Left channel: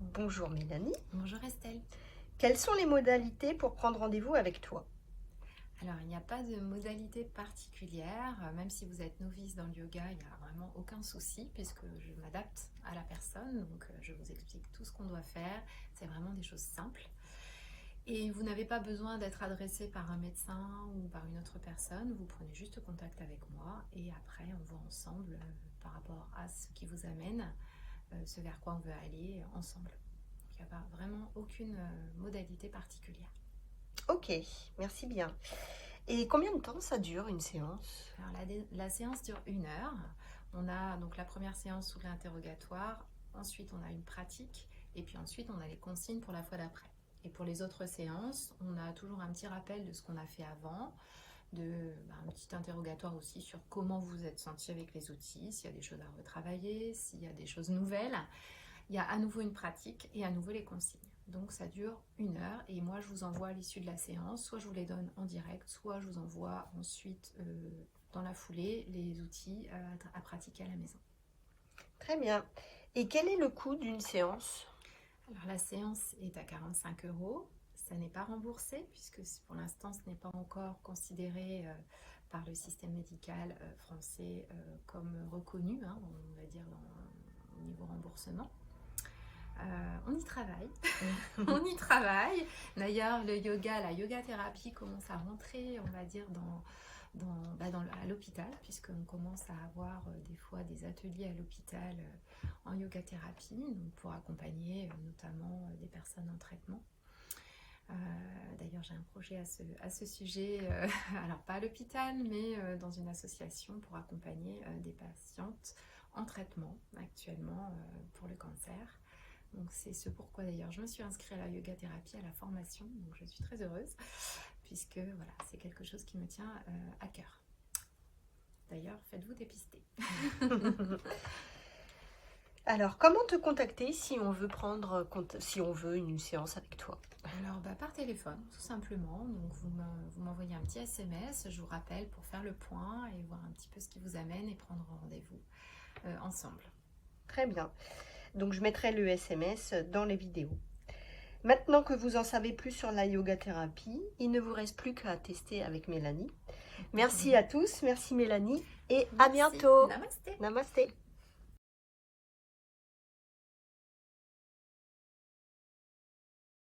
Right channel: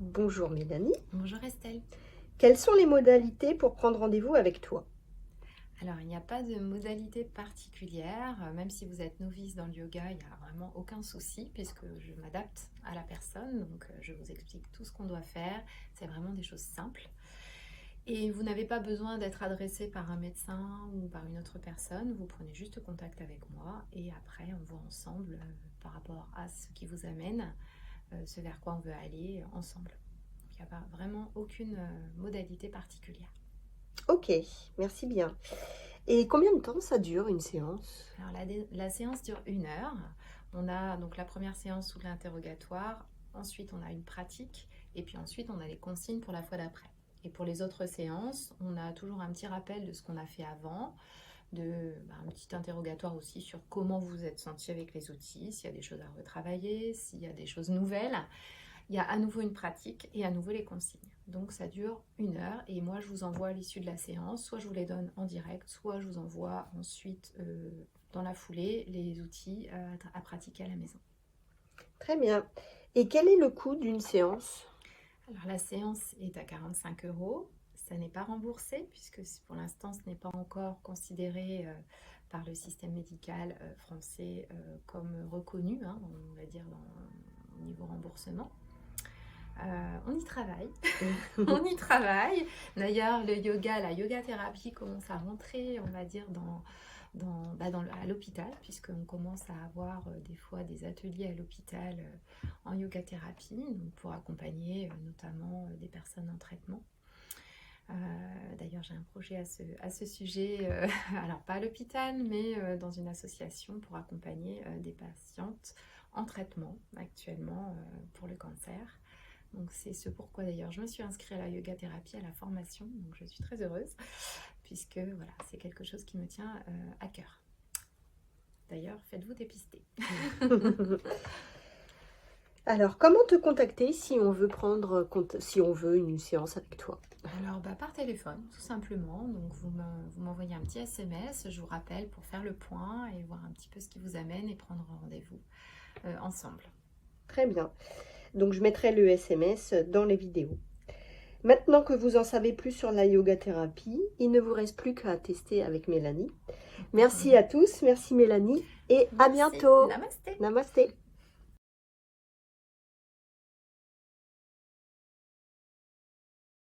Bonjour Mélanie. Bonjour Estelle. Quelles sont les modalités pour prendre rendez-vous avec toi? Alors, il n'y a pas de modalité particulière, même si vous êtes novice dans le yoga, il n'y a vraiment aucun souci puisque je m'adapte à la personne, donc je vous explique tout ce qu'on doit faire, c'est vraiment des choses simples. Et vous n'avez pas besoin d'être adressé par un médecin ou par une autre personne, vous prenez juste contact avec moi et après on voit ensemble par rapport à ce qui vous amène, ce vers quoi on veut aller ensemble. Il n'y a pas vraiment aucune modalité particulière. Ok, merci bien. Et combien de temps ça dure une séance? Alors la séance dure 1 heure. On a donc la première séance sous l'interrogatoire, ensuite on a une pratique et puis ensuite on a les consignes pour la fois d'après. Et pour les autres séances, on a toujours un petit rappel de ce qu'on a fait avant, un petit interrogatoire aussi sur comment vous vous êtes senti avec les outils, s'il y a des choses à retravailler, s'il y a des choses nouvelles. Il y a à nouveau une pratique et à nouveau les consignes. Donc ça dure 1 heure et moi je vous envoie à l'issue de la séance, soit je vous les donne en direct, soit je vous envoie ensuite dans la foulée les outils à pratiquer à la maison. Très bien. Et quel est le coût d'une séance? Alors la séance est à 45 euros. Ça n'est pas remboursé puisque pour l'instant ce n'est pas encore considéré par le système médical français comme reconnu, hein, on va dire au niveau remboursement. On y travaille, on y travaille. D'ailleurs, le yoga, la yoga thérapie commence à rentrer, on va dire, à l'hôpital, puisqu'on commence à avoir des fois des ateliers à l'hôpital en yoga thérapie, donc pour accompagner notamment des personnes en traitement. D'ailleurs, j'ai un projet à ce sujet, alors pas à l'hôpital, mais dans une association pour accompagner des patientes en traitement actuellement pour le cancer. Donc c'est ce pourquoi d'ailleurs je me suis inscrite à la yoga thérapie, à la formation, donc je suis très heureuse puisque voilà, c'est quelque chose qui me tient à cœur. D'ailleurs, faites-vous dépister. Alors, comment te contacter si on veut si on veut une séance avec toi? Alors par téléphone tout simplement, donc vous m'envoyez un petit SMS, je vous rappelle pour faire le point et voir un petit peu ce qui vous amène et prendre rendez-vous ensemble. Très bien. Donc, je mettrai le SMS dans les vidéos. Maintenant que vous en savez plus sur la yoga thérapie, il ne vous reste plus qu'à tester avec Mélanie. Merci à tous, merci Mélanie et à bientôt. Namasté. Namasté.